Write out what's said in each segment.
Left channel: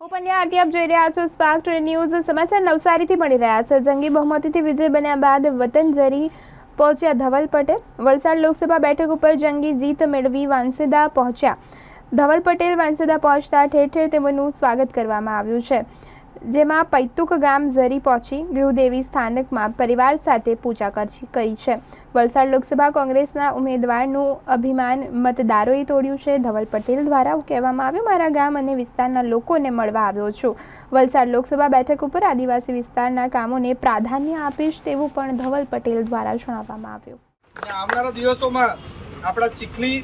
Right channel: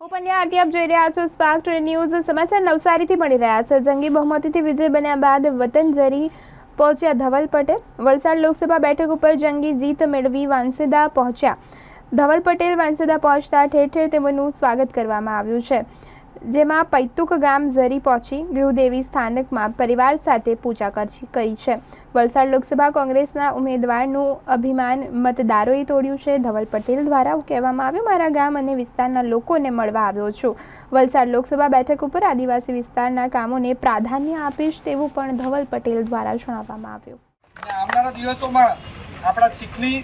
હું પંડ્યા આરતી આપ જોઈ રહ્યા છો સ્પાર્ક ટુડે ન્યૂઝ સમાચાર નવસારીથી મળી રહ્યા છે। જંગી બહુમતીથી વિજય બન્યા બાદ વતન જરી પહોંચ્યા ધવલ પટેલ। વલસાડ લોકસભા બેઠક ઉપર જંગી જીત મેળવી વાંસદા પહોંચ્યા ધવલ પટેલ। વાંસદા પહોંચતા ઠેર ઠેર તેમનું સ્વાગત કરવામાં આવ્યું છે, જેમાં પૈતુક ગામ ઝરી પહોંચી ગૃહદેવી સ્થાનકમાં પરિવાર સાથે પૂજા કરી છે। વલસાડ લોકસભા કોંગ્રેસના ઉમેદવારનું અભિમાન મતદારોએ તોડ્યું છે। ધવલ પટેલ દ્વારા કહેવામાં આવ્યું, મારા ગામ અને વિસ્તારના લોકોને મળવા આવ્યો છું। વલસાડ લોકસભા બેઠક ઉપર આદિવાસી વિસ્તારના કામોને પ્રાધાન્ય આપીશ તેવું પણ ધવલ પટેલ દ્વારા જણાવવામાં આવ્યું। આવનારા દિવસોમાં આપણા ચીખલી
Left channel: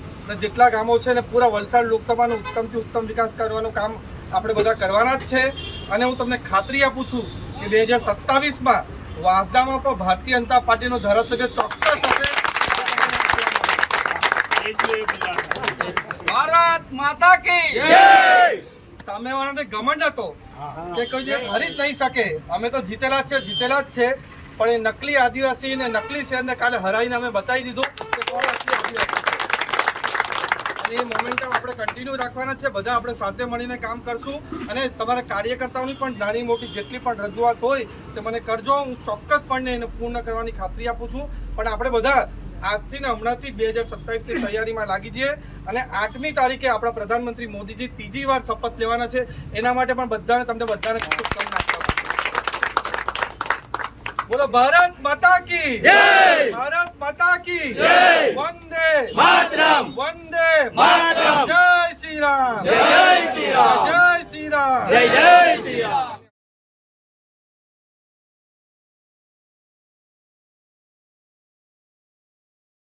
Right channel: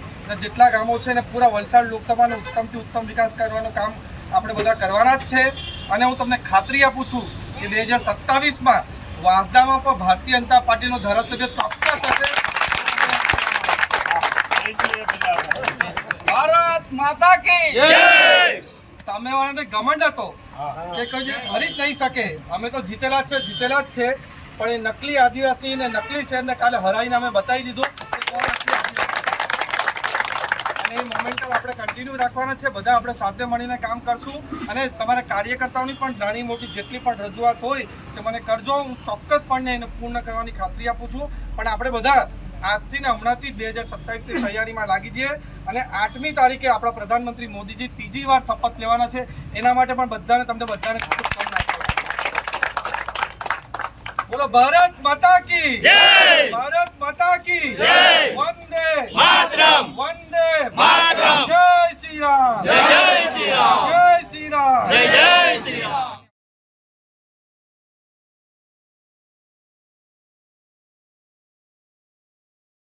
જેટલા ગામો છે ને પૂરા વલસાડ લોકસભાનો ઉત્તમથી ઉત્તમ વિકાસ કરવાનું કામ આપણે બધા કરવાના જ છે। અને હું તમને ખાતરી આપું છું કે 2027માં વાંસદામાં પણ ભારતીય જનતા પાર્ટીનો ધારાસભ્ય ચોક્કસ હશે। ભારત માતા કી જય। સામેવાળાને ઘમંડ હતો કે કોઈ દિવસ હરી જ નહીં શકે, અમે તો જીતેલા જ છે, પણ એ નકલી આદિવાસી ને નકલી શહેરને કાલે હરાવીને અમે બતાવી દીધું કે કોણ અસલી આદિવાસી। અને એ મોમેન્ટમ આપણે કન્ટિન્યુ રાખવાના છે, બધા આપણે સાથે મળીને કામ કરશું। અને તમારા કાર્યકર્તાઓની પણ નાની મોટી જેટલી પણ રજૂઆત હોય તે મને કરજો, હું ચોક્કસપણે એને પૂર્ણ કરવાની ખાતરી આપું છું। પણ આપણે બધા આજથી ને હમણાંથી 2027ની તૈયારીમાં લાગી જઈએ અને 8મી તારીખે આપણા પ્રધાનમંત્રી મોદીજી ત્રીજી વાર શપથ લેવાના છે, એના માટે પણ તમને બધાને શુભકામના આપો। બોલો ભારત માતા કી જય। ભારત માતા કી જય। વંદે માતરમ। વંદે માતરમ। જય શ્રી રામ।